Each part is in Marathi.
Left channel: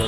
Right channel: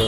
सर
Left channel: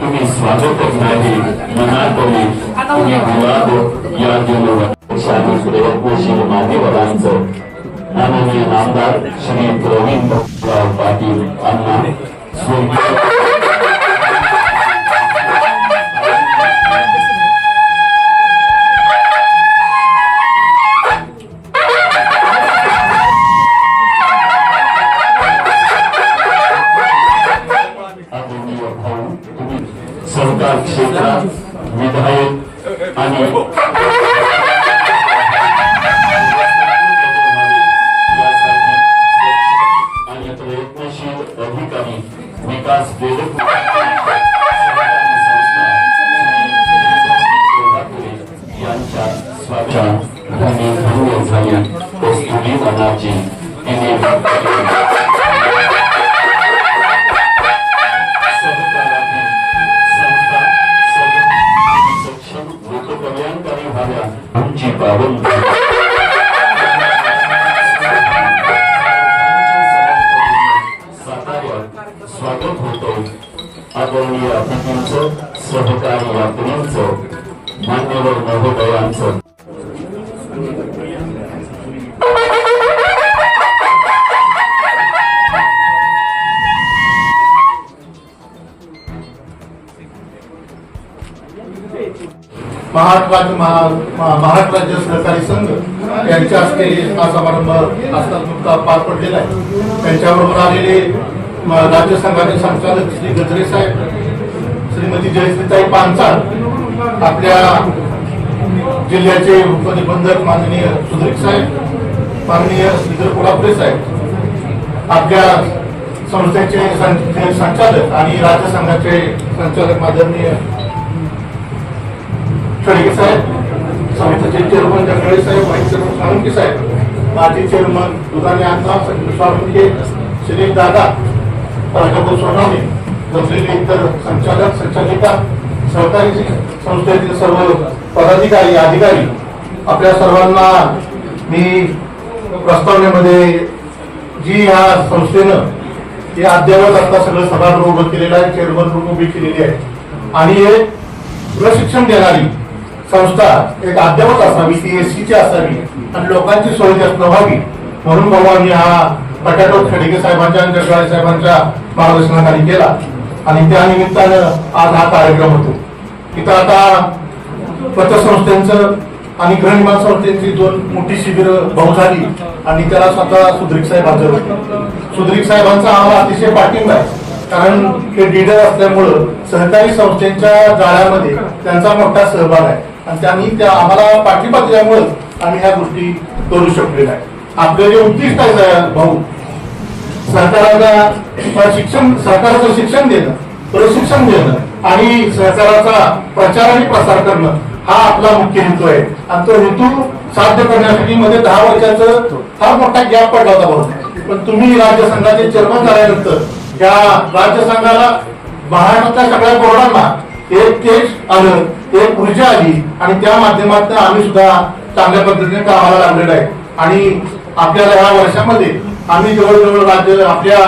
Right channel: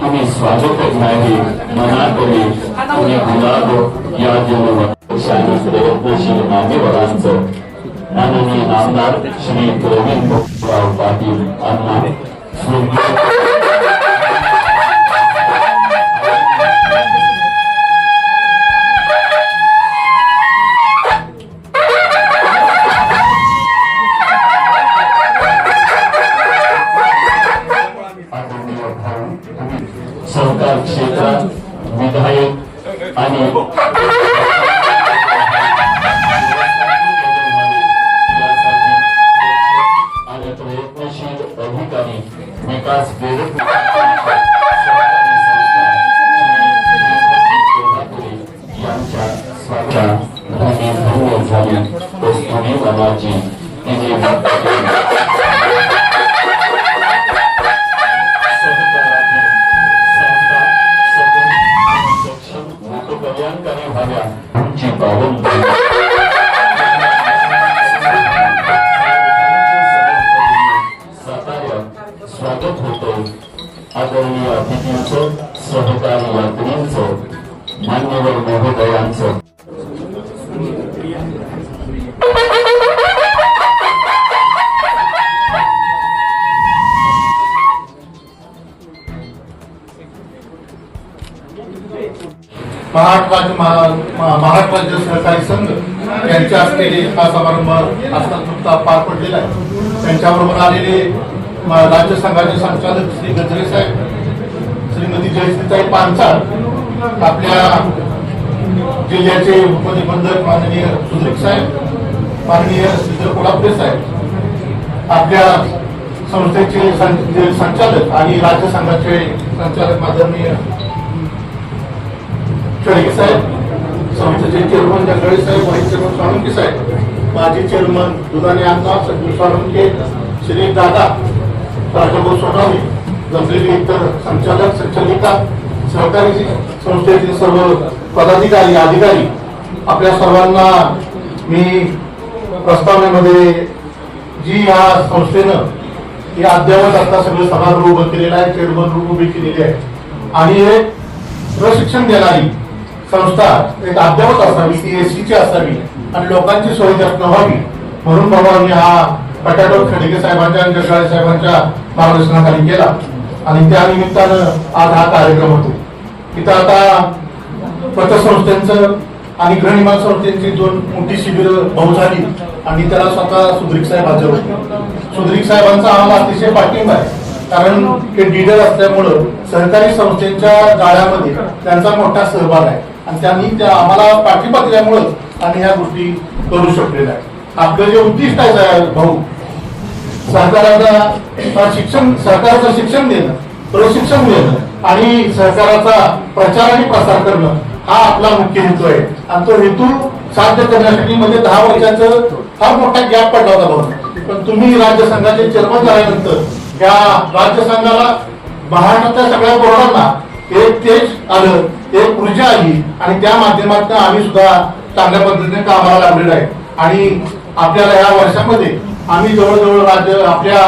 तुम्ही स्वागतच नाही मनातरी तुम्ही गुलाब या जन्मशाही प्रयत्नशील मान्यवरांचं माननीय आमदार श्री प्रवीण भाऊराव पाटील यांना सहकार क्षेत्रात विधायक आणि प्रयत्नशील अधिकारी विकास यांच्या स्वागत झाल्या कस्तुरी मनाची कल्याणकारी व्हाव्या उंची पाहून साताऱ्यात स्वागत होतो आदरणीय अतिथींचं सहकारी यात्रींचं मान्यवर महोदयांचं महाराष्ट्र राज्य सहकारी संघ यांच्या हस्ते हा समारंभ आता नुकताच पार पडलेला आहे। त्यांच्याबरोबर आलेले राज्य संघाचे संचालक श्री गजरे साहेब, श्रीमती जयश्रीताई पानसाळ, आपल्या जिल्ह्याचे उपनिबंधक माननीय सुधीर साहेब, माननीय श्रीधर कोल्हापुरे साहेब, आपल्या संस्थेचे संचालक आणि राज्य संघाचे संचालक आदरणीय खडगे साहेब, समितीचे चेअरमन जंगळे साहेब, व्हाईस चेअरमन साळुंके साहेब, माजी चेअरमन दुधाने आत्मा साळुंके, श्री दादा राजाभाऊ सोनावणे, जमलेले इतर संचालक संचालिका, सहकारी संस्थेतील सर्व पदाधिकारी अधिकारी, आपल्या सर्वांना मी प्रस्तावनेमध्ये जी या संस्थेनं हे अद्यावत आता सगळं सभागृह उभं केलेलं आहे, चेअरमन रूम उभी केलेली आहे आणि हे प्रशिक्षण देणारी संस्था एक अद्यावत असावी, ती एसटीची असावी आणि लोकांची सोय जास्त व्हावी म्हणून भाऊंनी हा पटाटोप खडगे साहेबांच्या आणि जगदाळे साहेबांच्या मार्गदर्शनाखाली केला आणि त्या निमित्तानं आज हा कार्यक्रम होतो। इथं आता पतसंस्थेचं आणि गृहनिर्माण संस्थेची दोन मोठी शिबिर भाऊ झाली आणि त्याला स्वतः सुधीर साहेब हजर होते। सुधीर साहेबांचा आम्हाला अतिशय पाठिंबा आहे, कारण ते लीडर असल्यामुळं सहकारी संस्थेच्या जाळ्यामध्ये त्यांचा मोठा सहभाग आहे आणि त्यांनी त्या आम्हाला पाठिंबा दिल्यामुळं आम्ही ह्या गोष्टी करू शकलेल्या आहे। आपलं जे उद्दिष्ट आहे भाऊ, सरकाराला सहकाराचं शिक्षण देणं, प्रशिक्षण देणं आणि सहकाराचा प्रचार आणि प्रसार करणं हा आपला मुख्य हेतू आहे आणि तो हेतू साध्य करण्यासाठी मध्ये 10 वर्षाचं फार मोठा गॅप पडला होता भाऊ, पण तुम्ही राज्य संघाचे चेअरमन झाल्यानंतर या राज्य संघाला महाराष्ट्रातल्या सगळ्या बोर्डांना एक तेज आलं, एक ऊर्जा आली आणि त्या माध्यमातून आम्ही सुद्धा चांगल्या पद्धतीने कामाला लागलेलो आहे. आणि आपल्याला या वर्षामध्ये आम्ही जवळजवळ राज्य आपल्या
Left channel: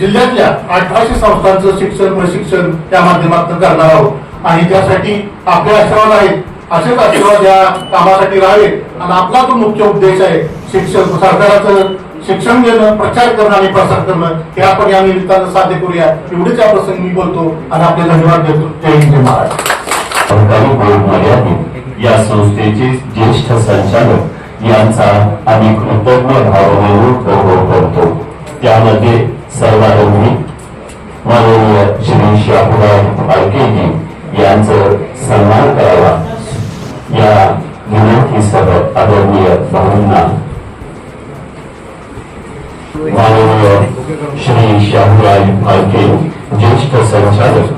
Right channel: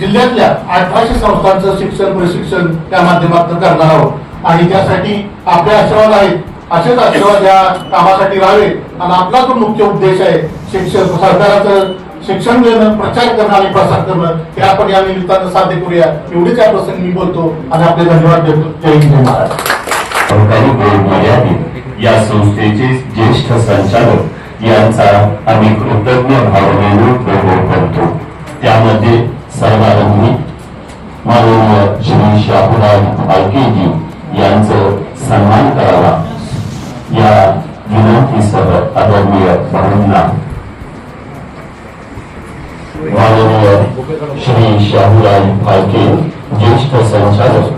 जिल्ह्यातल्या 1800 संस्थांचं शिक्षण प्रशिक्षण त्या माध्यमातून करणार आहोत आणि त्यासाठी आपल्या आशीर्वाद आहेत. असेच आशीर्वाद या कामासाठी राहावे आणि आपला जो मुख्य उद्देश आहे शिक्षण सरकाराचं शिक्षण देणं, प्रचार करणं आणि प्रसार करणं हे आपण या निमित्तानं साध्य करूया. एवढीच या प्रसंगी मी बोलतो आणि आपले धन्यवाद देतो. जय हिंद, जय महाराष्ट्र. सरकारी बोर्ड मर्यादित या संस्थेचे ज्येष्ठ संचालक यांचा आम्ही कृतज्ञ भावनेने गौरव करतो. त्यामध्ये सर्वांनी माननीय श्री शाहूराज फाळकेजी यांचं सन्मान करावा या विनंतीसह आदरणीय भाऊंना माननीय श्री शाहूराज फाळके ज्येष्ठ संचालक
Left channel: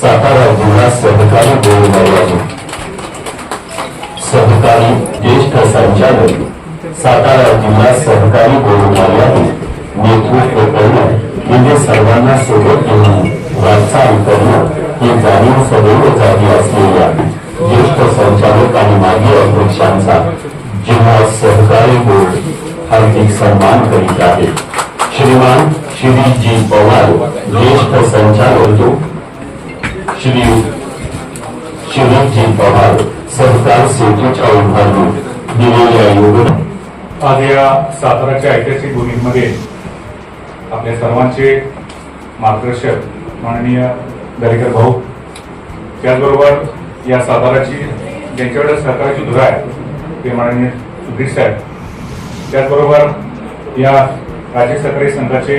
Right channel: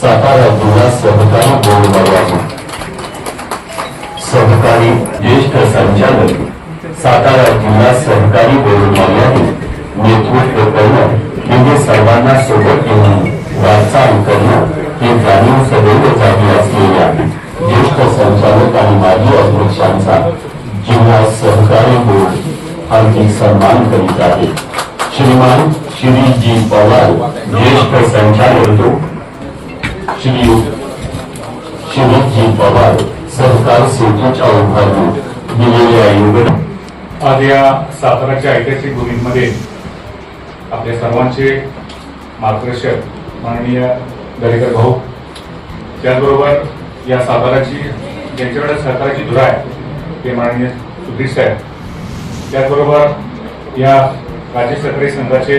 सातारा जिल्हा सहकारी बोर्ड मर्यादित सहकारी ज्येष्ठ संचालक सातारा जिल्हा सहकारी बोर्ड मर्यादित नेतृत्व करणं म्हणजे सर्वांना सोबत घेऊन वाटचाल करणं हे जाणीव सदैव जागी असलेल्या ज्येष्ठ संचालक आणि माजी अध्यक्षांचा जिल्हा सहकारी बोर्ड हार्दिक सन्मान करीत आहे. श्रीमान श्री जी पवार ज्येष्ठ संचालक श्री शरदजी पवार सहकार सेतूच्या उभारणीत दिलेल्या योगदान. आज या साताराच्या ऐतिहासिक भूमीमध्ये आपल्या सर्वांचे मार्गदर्शक माननीय दरेकर भाऊ, त्याचबरोबर या साताराची ज्यांच्याकडे सहकाराची धुरा आहे ते माननीय सुधीर साहेब, त्याचबरोबर या राज्य सहकारी संघाचे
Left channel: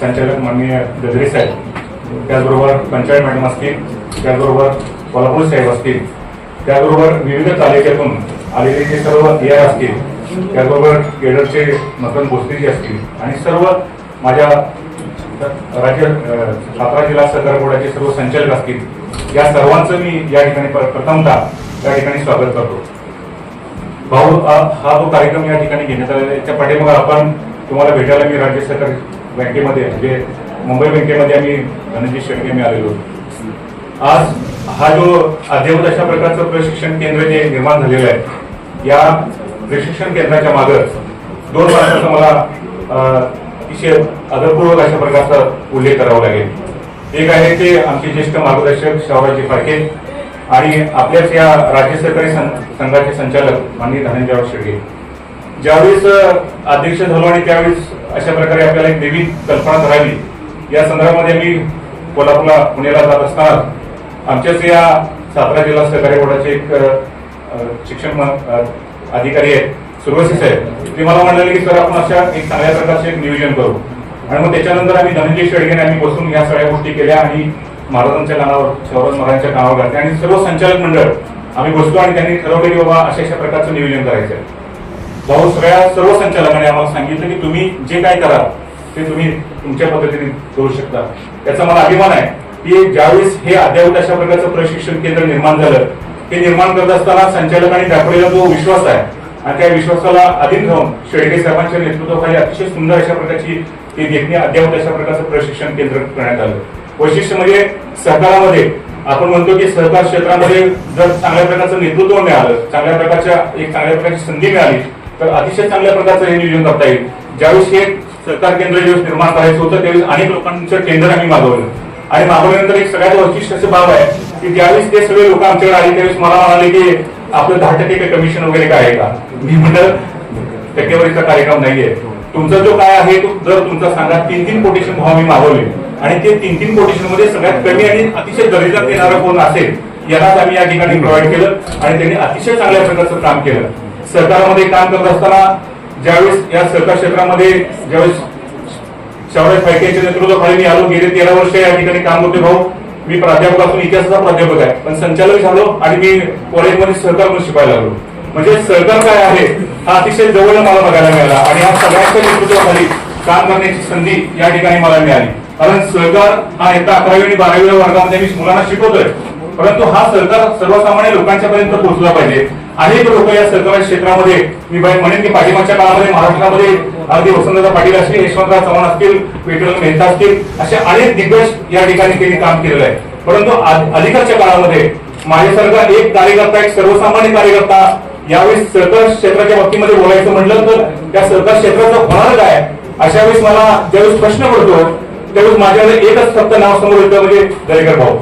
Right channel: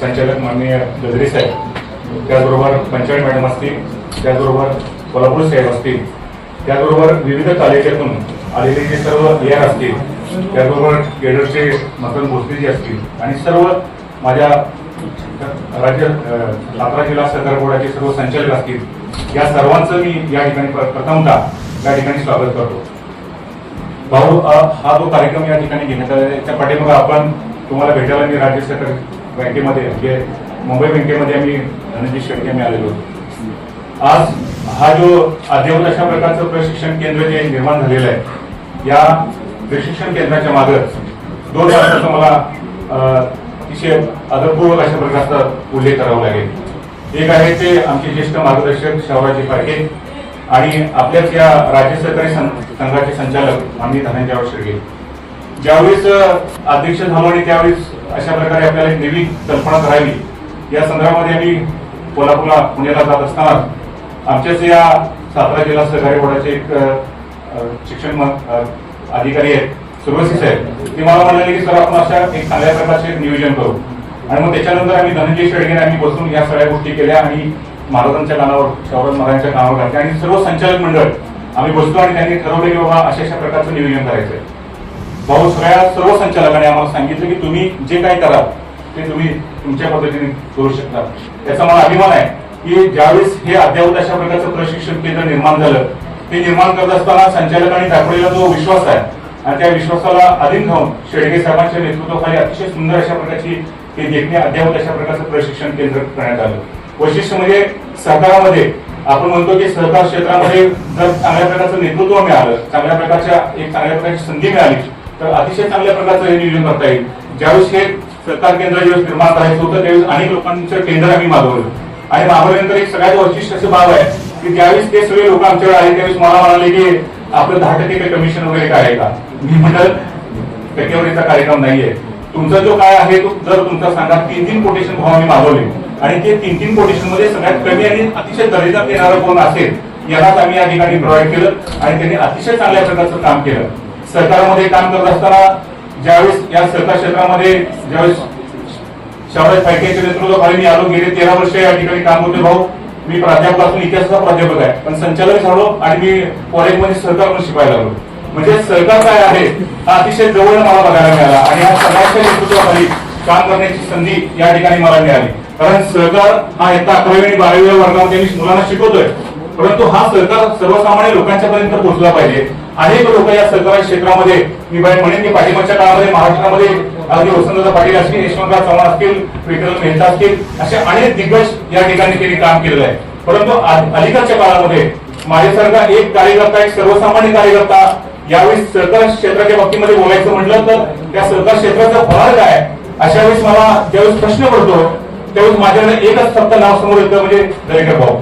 संचालक माननीय गजरे साहेब, त्याचबरोबर पंचायत मॅडम असतील, त्याचबरोबर कोल्हापूर साहेब असतील, त्याचबरोबर विविध तालुक्यातून आलेले जे सर्व AR असतील, त्याचबरोबर केडरचे मदन भोसलेजी असतील आणि सर्व माझ्या राज्य सातारा जिल्हा सहकार बोर्डाचे सर्व संचालक असतील, या सर्वांचं मी या ठिकाणी प्रथमतः या ठिकाणी स्वागत करतो. भाऊ, हा जो कार्यक्रम या ठिकाणी घेण्यात आला त्याच्या पाठीमागे आपण तुम्हाला भेटायला मी राज्य सहकारी बँकेमध्ये म्हणजे मुंबई बँकेमध्ये आम्ही धनंजय शेट्टी आम्ही आलेलो. आज हा जो अद्ययावत अशा प्रकारचं प्रशिक्षण केंद्र जे निर्माण झालेलं आहे, या प्रशिक्षण केंद्राच्या मागे 2 वर्षाचा मला अतिशय आदरपूर्वक अशा प्रकारचा उल्लेख करावा लागेल. एक आहे ते आमचे ज्येष्ठ मार्गदर्शक शाहूराजी फाळके आणि आपल्याच या राज्य सहकारी संघाचे संचालक माननीय धनंजय शेळके. ज्यावेळेस अध्यक्ष झालो आणि त्यावेळेस अशा प्रकारे आपल्याला एक नवीन कल्पना राहावी या संदर्भामध्ये आम्ही कोल्हापूरला पुण्याला जात असताना आमच्याच या सातारा जिल्हा सहकारी बोर्डाचे एक शिक्षण अधिकारी आहेत सुरवसी साहेब, ते मला म्हणाले की सर आपण अशा एक चांगल्या प्रकारचे नियोजन करू. आणि मग त्याच्यानंतर आम्ही धनंजय शेळकेने आम्ही बसून या सगळ्या गोष्टी केल्या आणि महाराजांच्या कानावर शाहूराज महाराजांच्या कानावर घातल्या आणि सर्व संचालक मंडळ आम्ही बसलो आणि त्यांनी ठरवले की बाबा अशा प्रकारचं नियोजन करायचं आहे. भाऊ, सर्व संचालकांनी आम्हाला सांगितलं की तुम्ही जे काय कराल ते तुम्ही तुमच्या पद्धतीने करू शकता. याचा मला अभिमान आहे की ज्यावेळेस हे अद्ययावत अशा प्रकारचं प्रशिक्षण केंद्र निर्माण झालं, हे निर्माण करत असताना संचालकांनी दाखवलेला जो विश्वास आहे आणि त्या विश्वासाला अधीन राहून शेळके साहेबांच्या नेतृत्वाखाली अतिशय सुंदर अशा प्रकारची हे देखणे अद्ययावत अशा प्रकारचं प्रशिक्षण केंद्र करण्यात आलं. वैशिष्ट्य म्हणजे सहकारामध्ये आपण म्हणतो की सहकार क्षेत्रामध्ये जर चांगल्या प्रकारचं नेतृत्व मिळालं, चांगल्या प्रकारच्या एक चांगल्या प्रकारची संधी मिळाली तर अतिशय चांगल्या प्रकारचं हे नियोजन करता येईल. ज्यावेळेस हे सहकार केंद्र ज्यावेळेस निर्माण करायचं होतं त्यावेळेस अनेक लोकांचं टेंडर आम्ही मागवलं आणि मागवल्यानंतर एक सगळ्यात वैशिष्ट्य असं बाब आहे की ज्यावेळेस ते सगळे लोक आमच्याकडे आले त्यावेळेस मला म्हणाले की आपलं 10% कमिशन वगैरे काय आहे का. मी म्हटलं टक्केवारीचा कार्यक्रम नाहीये, तुमचा जो काय आहे तो जर तुमचा सांगा 3 कोटेशन भाव मी मागवले आणि ते 3 कोटेशन मध्ये सगळ्यात कमी आणि अतिशय दर्जेदार देणारं कोण असेल यालाच आम्ही या ठिकाणी प्रोव्हाइड केलं आणि त्यांनी अतिशय चांगल्या प्रकारचं काम केलं. सरकारमध्ये काम करत असताना ज्यावेळेस या सहकार क्षेत्रामध्ये ज्यावेळेस शाहूराज फाळकेच्या नेतृत्वाखाली मी आलो, गेले 13 वर्ष या ठिकाणी काम होते. भाऊ, मी प्राध्यापक असून इतिहासाचा प्राध्यापक आहे, पण संचालक झालो आणि मी कॉलेजमध्ये सहकार म्हणून शिकायला लागलो. म्हणजे सहकार काय आहे हा अतिशय जवळ मला बघायला मिळाला आणि या सगळ्यांच्या नेतृत्वाखाली काम करण्याची संधी या ठिकाणी मला मिळाली. कारण सहकार हा एका 11वी आणि 12वी वर्गामध्ये मी मुलांना शिकवतोय, परंतु हा सहकार सर्वसामान्य लोकांच्या पर्यंत पोहोचला पाहिजे. अनेक लोक या सहकारी क्षेत्रामध्ये, मी म्हणेन की पाठीमागच्या काळामध्ये महाराष्ट्रामध्ये अगदी वसंतदादा पाटील असतील, यशवंतराव चव्हाण असतील, विठ्ठल मेहता असतील, असे अनेक दिग्गज या ठिकाणी त्यांनी काम केलेलं आहे. परंतु अलीकडच्या काळामध्ये माझ्यासारखा एक कार्यकर्ता, एक सर्वसामान्य कार्यकर्ता यावेळी सहकार क्षेत्राच्या बाबतीमध्ये बोलायचं म्हटलं तर त्या सहकार क्षेत्राचं होणार काय, अशा वेळेस मला ज्यावेळेस प्रश्न पडतो त्यावेळेस माझ्याकडे एकच फक्त नाव समोर येतं, म्हणजे दरेकर भाऊ.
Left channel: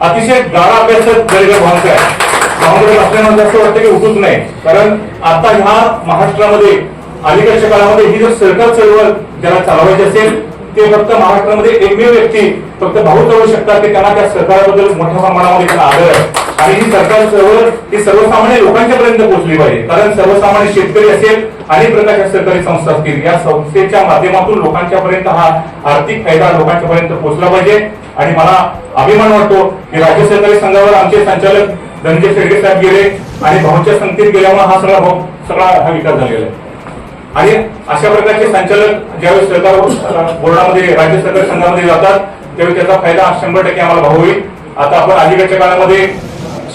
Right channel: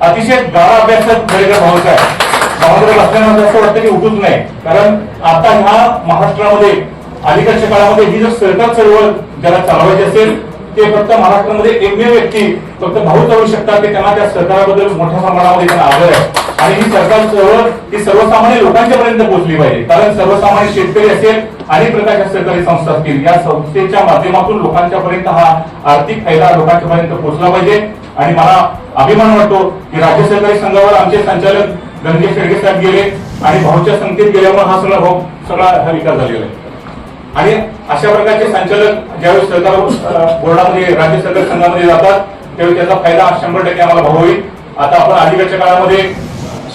अतिशय गाढा अभ्यासक दरेकर भाऊचा आहे. समुद्रात असल्यामुळे असं वाटतं की उठूच नाही, कारण आता ह्या महाराष्ट्रामध्ये अलीकडच्या काळामध्ये ही जर सरकार चळवळ ज्याला चालवायची असेल ते फक्त महाराष्ट्रामध्ये एकमेव व्यक्ती फक्त भाऊ चालवू शकतात की त्यांना त्या सरकाराबद्दल मोठ्या प्रमाणामध्ये त्यांना आदर आहे. आणि ही सरकार चळवळ ही सर्वसामान्य लोकांच्या पर्यंत पोहोचली पाहिजे, कारण सर्वसामान्य शेतकरी असेल, अनेक प्रकारच्या सरकारी संस्था असतील, या संस्थेच्या माध्यमातून लोकांच्या पर्यंत हा आर्थिक फायदा लोकांच्या पर्यंत पोहोचला पाहिजे. आणि मला अभिमान वाटतो की राज्य सहकारी संघावर आमचे संचालक धनंजय शेडगे साहेब गेले आणि भाऊच्या संगतीत गेल्यामुळे हा सगळा विकास झालेला आहे. आणि अशा प्रकारचे संचालक ज्यावेळी सरकार बोर्डामध्ये, राज्य सहकारी संघामध्ये जातात त्यावेळी त्याचा फायदा 100% आम्हाला भाऊ होईल. आता आपण अलीकडच्या काळामध्ये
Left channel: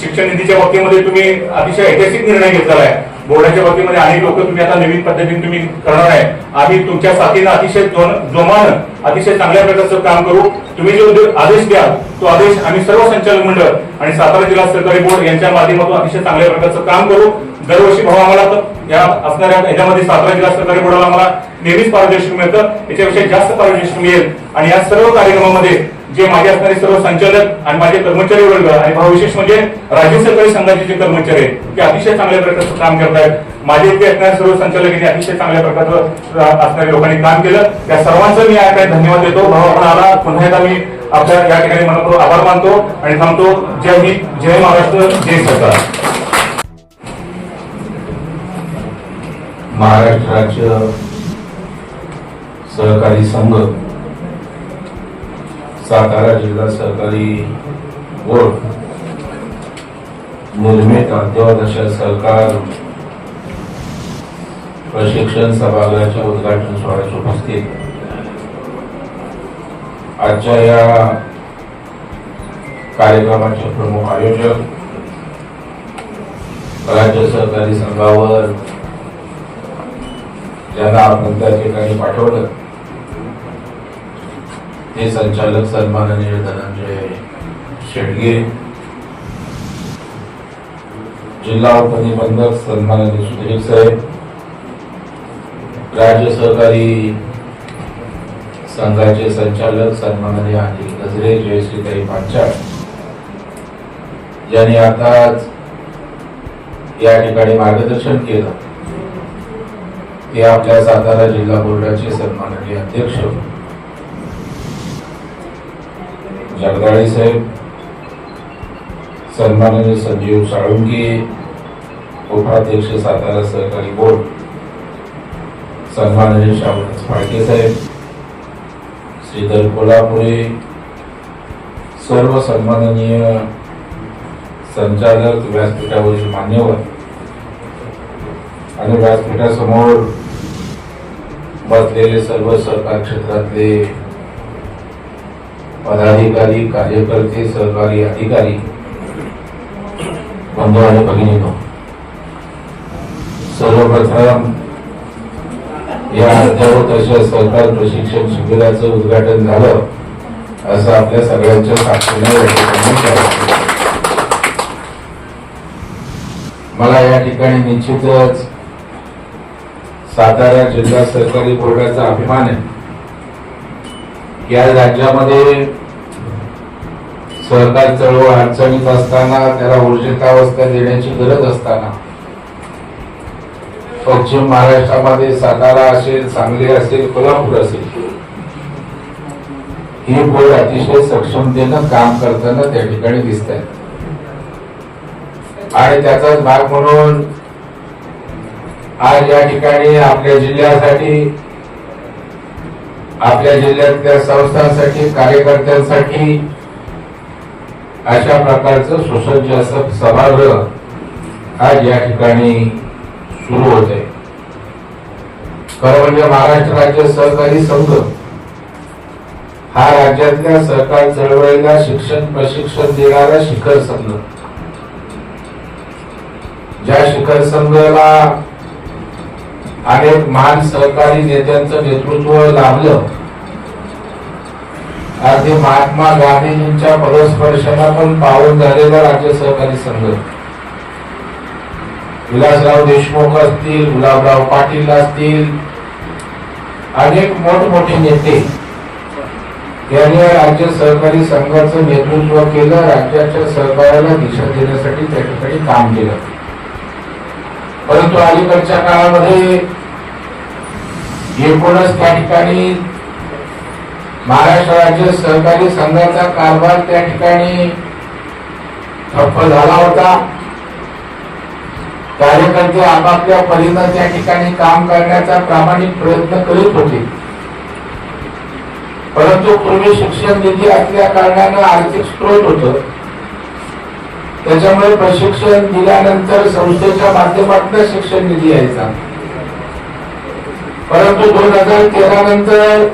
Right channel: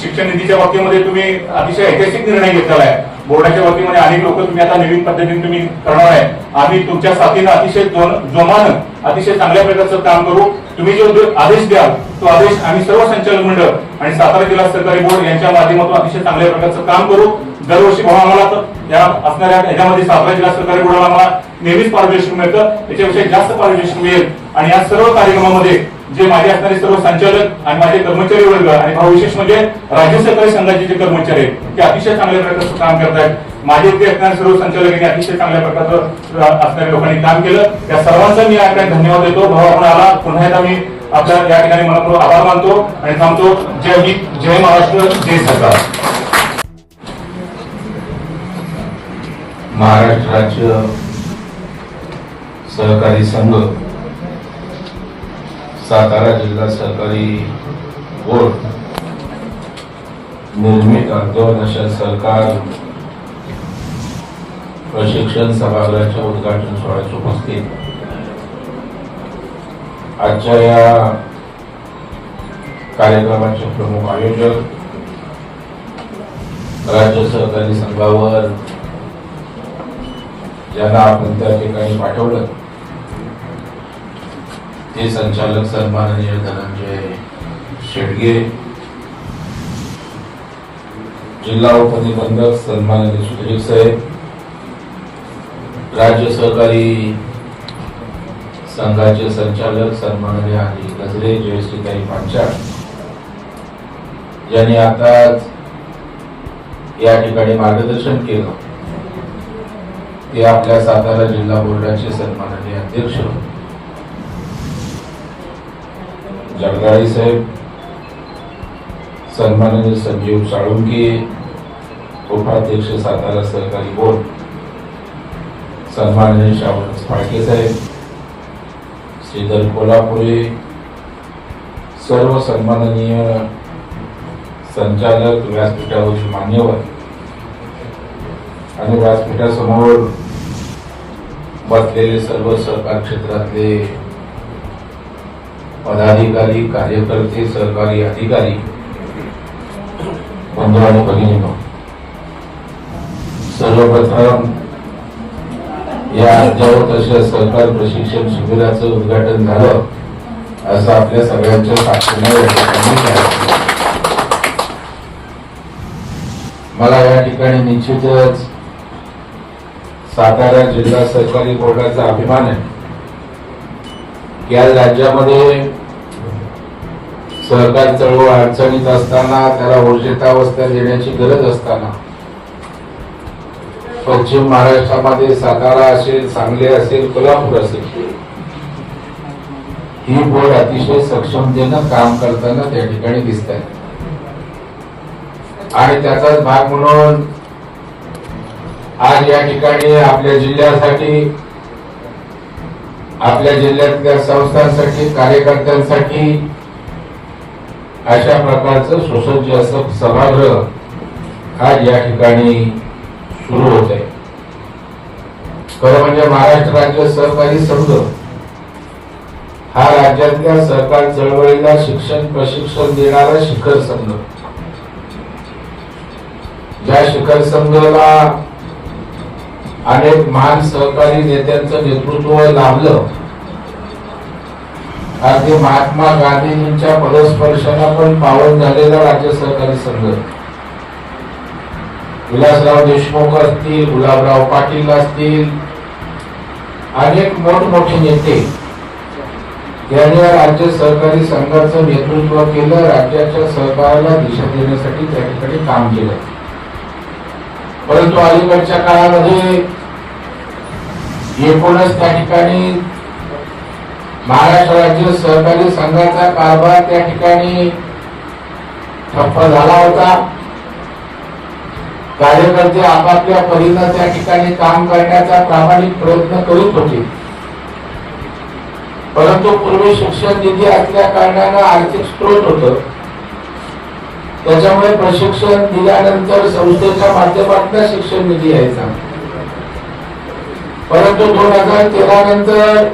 शिक्षण निधीच्या बाबतीमध्ये तुम्ही अतिशय ऐतिहासिक निर्णय घेतलेला आहे. बोर्डाच्या बाबतीमध्ये अनेक लोक तुम्ही आता नवीन पद्धतीने तुम्ही करणार आहे. आम्ही तुमच्या साथीनं अतिशय जोमानं अतिशय चांगल्या प्रकारचं काम करू. तुम्ही जो आदेश द्याल तो आदेश आम्ही सर्व संचालक मंडळ आणि सातारा जिल्हा सहकारी बोर्ड यांच्या माध्यमातून अतिशय चांगल्या प्रकारचं काम करू. दरवर्षी भाऊ आम्हाला या असणाऱ्या याच्यामध्ये सातारा जिल्हा सहकारी बोर्डाला आम्हाला नेहमीच पारितोषिक मिळतं, याच्यापेक्षा जास्त पारितोषिक मिळेल. आणि या सर्व कार्यक्रमामध्ये जे माझे असणारे सर्व संचालक आणि माझे कर्मचारी वर्ग आणि भाऊ विशेष म्हणजे राज्य सहकारी संघाचे जे कर्मचारी आहेत ते अतिशय चांगल्या प्रकारचं काम करतायत. माझे ते असणारे सर्व संचालक यांनी अतिशय चांगल्या प्रकारचं असणाऱ्या लोकांनी काम केलं. त्या सर्वांचा मी या ठिकाणी धन्यवाद देतो. भाऊ आपण आला, पुन्हा एकदा मी आपल्या या ठिकाणी मनपूर्वक आभार मानतो आणि थांबतो. जय हिंद, जय महाराष्ट्र, जय सरकार. महाराष्ट्र राज्य सहकारी संघ, सातारा जिल्हा सहकारी बोर्ड निर्मित अर्धवर्षीय सरकार प्रशिक्षण सभागृहाच्या उद्घाटन सोहळ्यास उपस्थित आजच्या या कार्यक्रमाचे प्रमुख आयोजक, राज्य सहकारी संघावर ज्यांना आपण त्या ठिकाणी पाठवलं ते संचालक सन्माननीय धनंजय शेडगे, जिल्हा उपनिबंधक सन्माननीय सुधीर साहेब, राज्य सहकारी संघाचे संचालक सन्माननीय अनिल गजरे, जयश्रीताई पांचाळ यांनी आताच या ठिकाणी मार्गदर्शन केलं ते आपल्या सातारा जिल्हा बोर्डाचे सन्माननीय अध्यक्ष जगदाळे साहेब, सन्माननीय संजीव साळुंके, उपाध्यक्ष सातारा सहकारी बोर्ड सन्माननीय श्रावण फाळके साहेब, श्रीधर कोल्हापुरे, सर्व सन्माननीय संचालक, व्यासपीठावरील मान्यवर आणि व्यासपीठासमोर बसलेले सर्व सहकार क्षेत्रातले पदाधिकारी, कार्यकर्ते, सहकारी अधिकारी, बंधू आणि भगिनींनो, सर्वप्रथम या अद्ययावत अशा सहकार प्रशिक्षण शिबिराचं उद्घाटन झालं असं आपल्या सगळ्यांच्या साक्षीने मला या ठिकाणी निश्चितच सातारा जिल्हा सहकारी बोर्डाचा अभिमान आहे की आज राज्यामध्ये सहकार चळवळ अडचणीत असताना, त्याला ऊर्जितावस्था देण्याची गरज असताना पश्चिम महाराष्ट्रामध्ये सातारा असेल, सांगली असेल, कोल्हापूर असेल, ही बोर्ड अतिशय सक्षमतेनं काम करताना त्या ठिकाणी दिसत आहे. आणि त्याचाच भाग म्हणून आज या ठिकाणी आपल्या जिल्ह्यासाठी, आपल्या जिल्ह्यातल्या संस्थांसाठी, कार्यकर्त्यांसाठी अशा प्रकारचं सुसज्ज असं सभागृह आज या ठिकाणी सुरू होत आहे. खरं म्हणजे महाराष्ट्र राज्य सहकारी संघ हा राज्यातल्या सरकार चळवळीला शिक्षण प्रशिक्षण देणारा शिखर संघ, ज्या शिखर संघाला अनेक महान सहकारी नेत्यांचं नेतृत्व लाभलं, अगदी महात्मा गांधीजींच्या पदस्पर्शाला पण पावन झालेला राज्य सहकारी संघ, विलासराव देशमुख असतील, गुलाबराव पाटील असतील, अनेक मोठमोठे नेते यांनी राज्य सहकारी संघाचं नेतृत्व केलं, राज्याच्या सहकाराला दिशा देण्यासाठी त्या ठिकाणी काम केलं. परंतु अलीकडच्या काळामध्ये एकूणच त्या ठिकाणी महाराष्ट्र राज्य सहकारी संघाचा कारभार त्या ठिकाणी ठप्प झाला होता. कार्यकर्ते आपापल्या परीनं त्या ठिकाणी काम करण्याचा प्रामाणिक प्रयत्न करीत होते, परंतु पूर्वी शिक्षण निधी असल्या कारणानं आर्थिक स्त्रोत होतं, त्याच्यामुळे प्रशिक्षण दिल्यानंतर संस्थेच्या माध्यमातून शिक्षण निधी यायचा. परंतु 2013 नंतर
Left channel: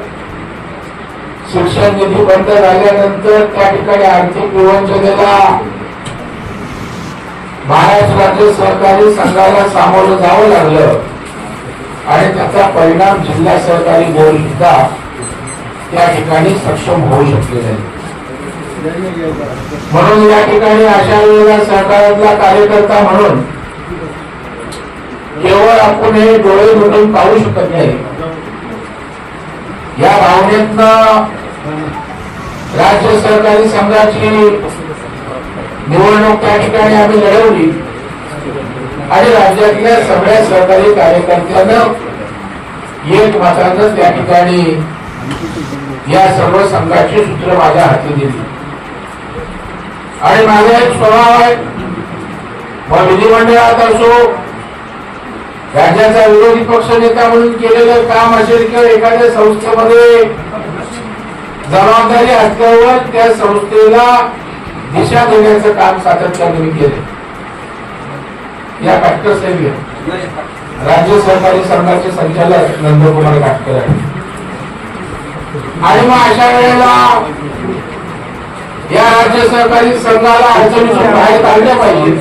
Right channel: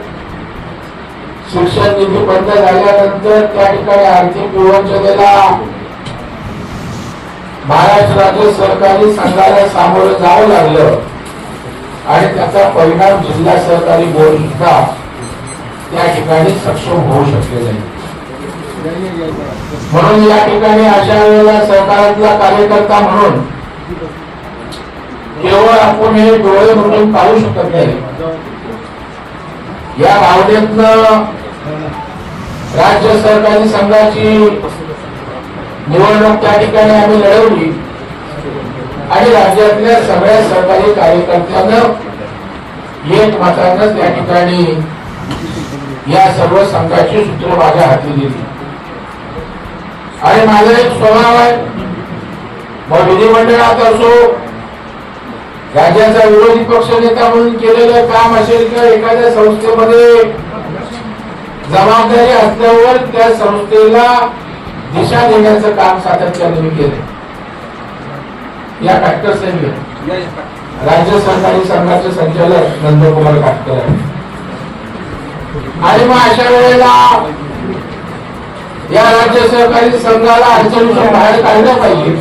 शिक्षण निधी बंद झाल्यानंतर त्या ठिकाणी आर्थिक विवंचनेला महाराष्ट्र राज्य सहकारी संघाला सामोरं जावं लागलं आणि त्याचा परिणाम जिल्हा सहकारी बोर्ड सुद्धा त्या ठिकाणी सक्षम होऊ शकले नाही. म्हणून या ठिकाणी अशा वेळेला सहकारातला कार्यकर्ता म्हणून केवळ आपण हे डोळे मिटून पाहू शकत नाही. या भावनेतनं राज्य सहकारी संघाची निवडणूक त्या ठिकाणी आम्ही लढवली आणि राज्यातल्या सगळ्या सहकारी कार्यकर्त्यांना एक मतानं त्या ठिकाणी या सर्व संघाची सूत्र माझ्या हाती दिली. आणि माझा एक स्वभाव आहे, मग विधिमंडळात असो, राज्याचा विरोधी पक्ष नेता म्हणून केलेलं काम असेल किंवा एखाद्या संस्थेमध्ये जबाबदारी असल्यावर त्या संस्थेला दिशा देण्याचं काम सातत्याने मी केले. या काटकर साहेब राज्य सहकारी संघाचे संचालक नंदकुमार काटकर, आणि मग अशा वेळेला या राज्य सहकारी संघाला अडचणीतून बाहेर काढलं पाहिजे.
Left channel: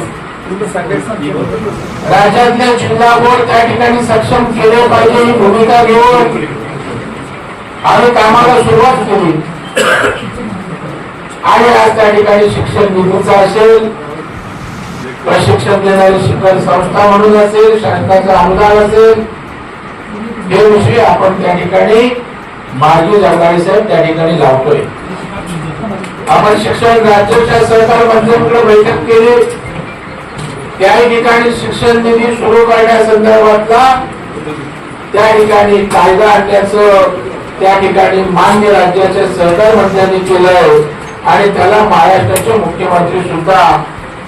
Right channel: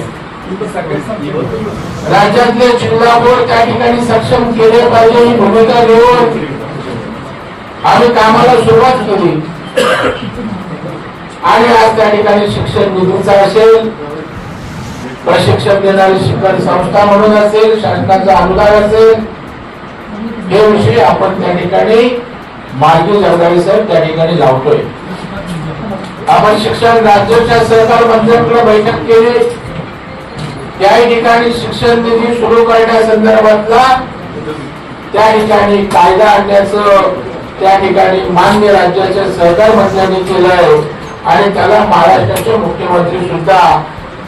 राज्यातले जिल्हा बोर्ड त्या ठिकाणी सक्षम केले पाहिजे ही भूमिका घेऊन आम्ही कामाला सुरुवात केली. आणि आज त्या ठिकाणी शिक्षण निधीचा असेल, प्रशिक्षण देणारी शिक्षण संस्था म्हणून असेल, शासनाचा अनुदान असेल, हे विषय आपण त्या ठिकाणी मार्गी जगदाळे साहेब त्या ठिकाणी लावतोय. आपण शिक्षण राज्याच्या सहकार मंत्र्यांकडे बैठक केली, त्याही ठिकाणी शिक्षण निधी सुरू करण्यासंदर्भातला त्या ठिकाणी कायदा आणण्याचं त्या ठिकाणी मान्य राज्याच्या सहकार मंत्र्यांनी केलंय आणि त्याला महाराष्ट्राचे मुख्यमंत्री सुद्धा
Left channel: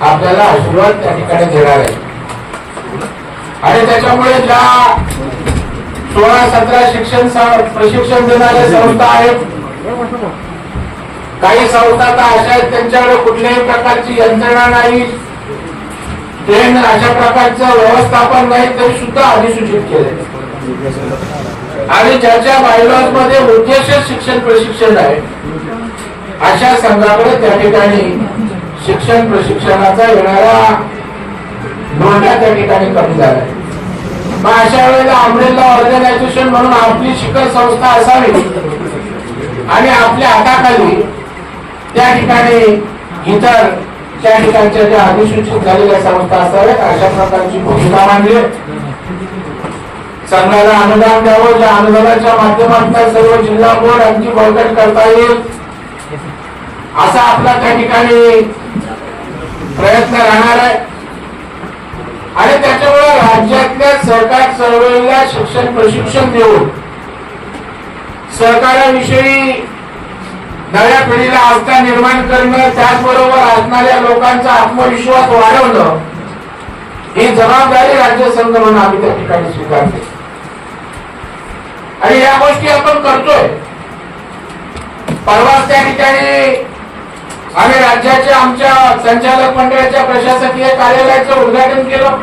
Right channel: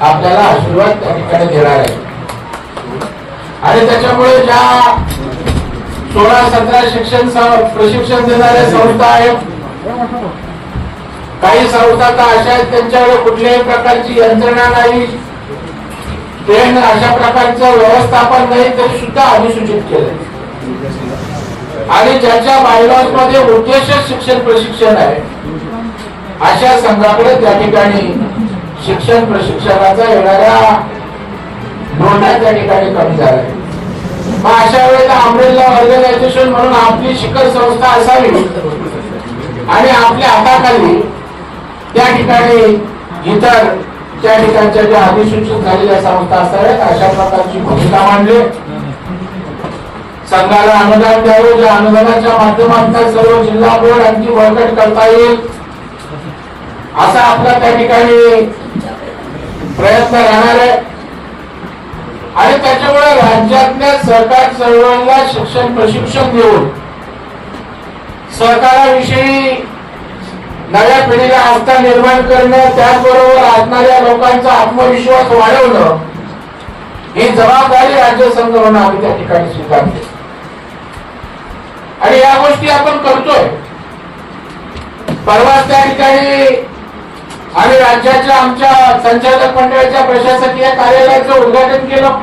आपल्याला आशीर्वाद त्या ठिकाणी देणार आहे. आणि त्याच्यामुळे ज्या 16-17 शिक्षण प्रशिक्षण देणाऱ्या संस्था आहेत, काही संस्था तर अशा आहेत त्यांच्याकडे कुठल्याही प्रकारची यंत्रणा नाही, ट्रेन अशा प्रकारचं व्यवस्थापन नाही, तरी सुद्धा अधिसूचित केले. आणि ज्याच्या बायलॉज मध्ये उद्देश शिक्षण प्रशिक्षण आहे अशा संघाकडे त्या ठिकाणी शिक्षण प्रशिक्षणाचा येणारा नोंदा त्या ठिकाणी कमी झालाय. मग अशा वेळेला अमरेला ऑर्गनायझेशन म्हणून आपली शिखर संस्था असावी आणि आपल्या हाताखाली त्या ठिकाणी इतर त्या ठिकाणच्या ज्या अधिसूचित झालेल्या संस्था असाव्यात अशा प्रकारची भूमिका मांडली. संघाला अनुदान द्यावं, ज्या अनुदानाच्या माध्यमातून सर्व जिल्हा बोर्ड आणखी बळकट करता येईल असा आपला त्या ठिकाणी प्रयत्न राहणार आहे. आणि त्याच्यामुळे राज्यातल्या सहकार चळवळीला शिक्षण प्रशिक्षण देऊन सहकाराविषयी नव्या पिढीला आस्था निर्माण करणं, त्याचबरोबर असणाऱ्या लोकांचा आत्मविश्वास वाढवणं ही जबाबदारी राज्य संघ म्हणून आम्ही त्या ठिकाणी स्वीकारतो आणि या गोष्टी आपण करतोय. परवाच त्या ठिकाणी आम्ही राज्याच्या आमच्या संचालक मंडळाच्या प्रशासकीय कार्यालयाचं उद्घाटन केलं.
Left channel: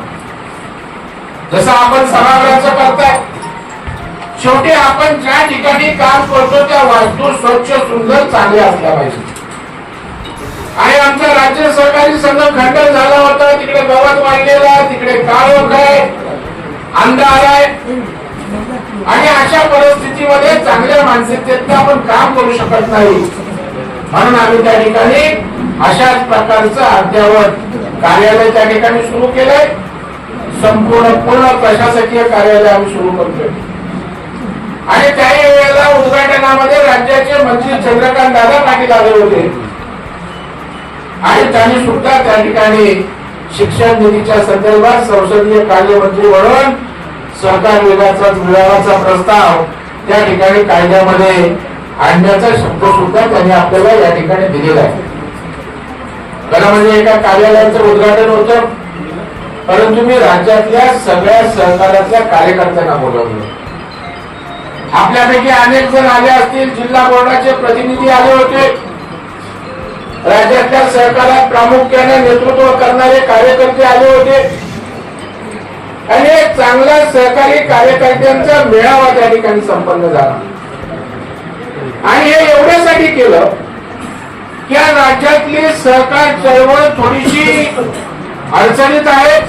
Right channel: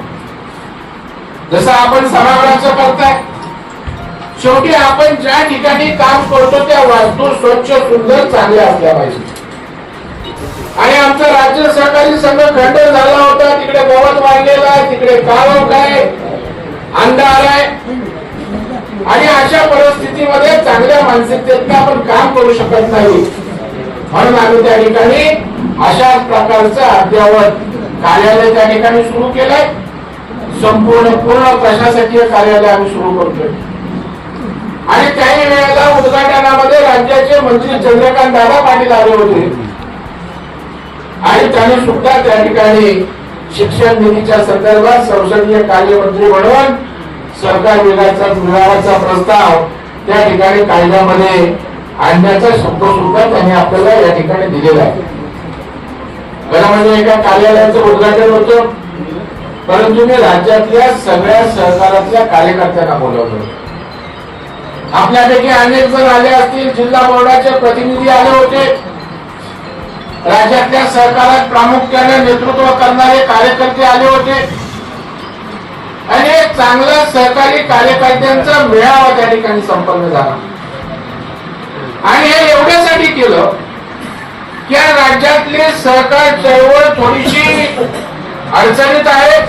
जसं आपण सभागृहाचं करताय, शेवटी आपण ज्या ठिकाणी काम करतो त्या वास्तू स्वच्छ सुंदर चांगल्या असल्या पाहिजे. आणि आमचा राज्य सहकारी संघ खंडन झाला होता, तिकडे गवत वाढलेला, तिकडे काळोख आहे, अंधार आहे. आणि अशा परिस्थितीमध्ये चांगल्या मानसिकतेत आपण काम करू शकत नाही. म्हणून आम्ही त्या ठिकाणी अशाच प्रकारचं अद्ययावत कार्यालय त्या ठिकाणी सुरू केलंय. संपूर्ण पूर्ण प्रशासकीय कार्यालय आम्ही सुरू करतोय. आणि काही वेळेला उद्घाटनामध्ये राज्याचे मंत्री चंद्रकांत दादा पाटील आले होते आणि त्यांनी सुद्धा त्या ठिकाणी शिक्षण निधीच्या संदर्भात संसदीय कार्यमंत्री म्हणून सरकार विभागाचा प्रस्ताव त्या ठिकाणी कायद्यामध्ये आणण्याचा शब्द सुद्धा त्यांनी आपल्याला या ठिकाणी दिलेला आहे. खरं म्हणजे एका कार्यालयाचं उद्घाटन होतं, परंतु मी राज्यातल्या सगळ्या सहकारातल्या कार्यकर्त्यांना बोलवलं. आपल्यापैकी अनेक जण आले असतील, जिल्हा बोर्डाचे प्रतिनिधी आले होते, राज्यातल्या सरकारात प्रामुख्याने नेतृत्व करणारे कार्यकर्ते आले होते आणि एक चांगला सहकारी कार्यकर्त्यांचा मेळावा त्या ठिकाणी संपन्न झाला. आणि हे एवढ्यासाठी केलं की राज्यातली सहकार चळवळ थोडीशी अडचणीत आहे.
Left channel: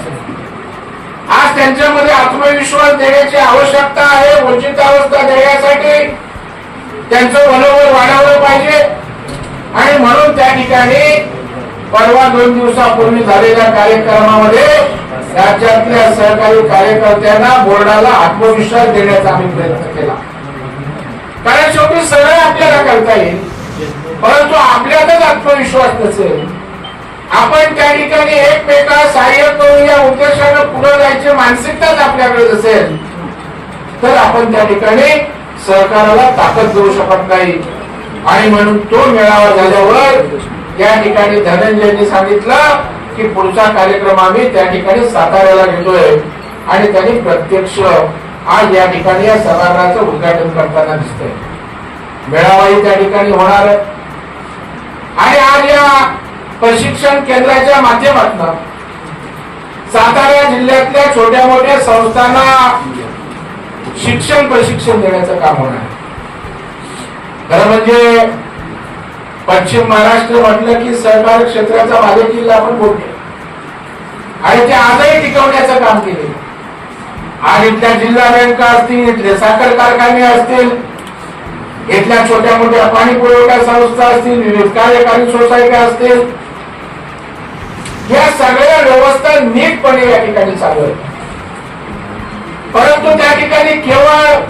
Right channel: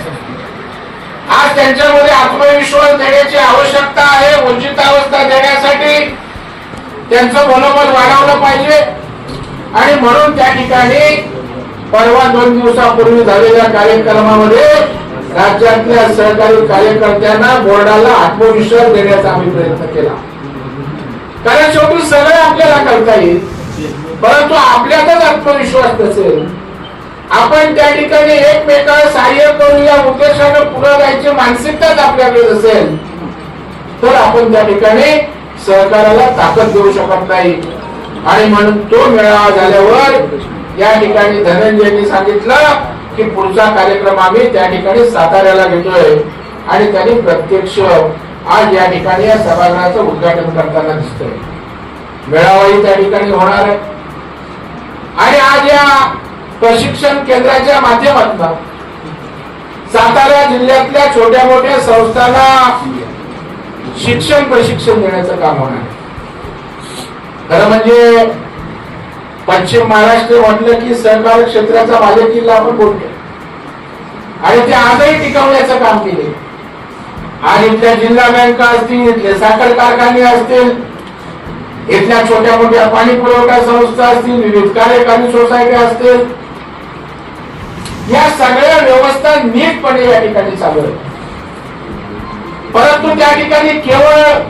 आज त्यांच्यामध्ये आत्मविश्वास देण्याची आवश्यकता आहे. वंचितावस्था देण्यासाठी त्यांचं मनोबल वाढवलं पाहिजे. आणि म्हणून त्या ठिकाणी परवा 2 दिवसापूर्वी झालेल्या कार्यक्रमामध्ये राज्यातल्या सहकारी कार्यकर्त्यांना बोर्डाला आत्मविश्वास देण्याचा आम्ही प्रयत्न केला. कारण शेवटी सगळं आपल्याला करता येईल, परंतु आपल्यातच आत्मविश्वास नसेल, आपण त्या ठिकाणी एकमेकांना सहाय्य करू या उद्देशानं पुढे जायची मानसिकताच आपल्याकडे असेल तर आपण त्या ठिकाणी सहकाराला ताकद देऊ शकत नाही. आणि म्हणून तो मेळावा झाल्यावर या ठिकाणी धनंजयनी सांगितलं की पुढचा कार्यक्रम आम्ही त्या ठिकाणी साताऱ्याला घेतोय. आणि त्यांनी प्रत्यक्ष आज या ठिकाणी या सभागृहाचं उद्घाटन करताना दिसतंय. मेळावाही त्या ठिकाणी होणार आहे. आणि आज या प्रशिक्षण केंद्राच्या माध्यमातून सातारा जिल्ह्यातल्या छोट्या मोठ्या संस्थांना शिक्षण प्रशिक्षण देण्याचं काम होणार आहे. खरं म्हणजे पश्चिम महाराष्ट्र म्हटलं की सहकार क्षेत्राचा बालेकिल्ला आपण बोलतो आणि ते आजही टिकवण्याचं काम केले. आणि इथल्या जिल्हा बँका असतील, इथले साखर कारखाने असतील, इथल्या छोट्या मोठ्या पाणी पुरवठा संस्था असतील, विविध कार्यकारी सोसायटी असतील, या सगळ्या व्यवस्था नीटपणे या ठिकाणी चालू आहेत. परंतु त्या ठिकाणी केवळ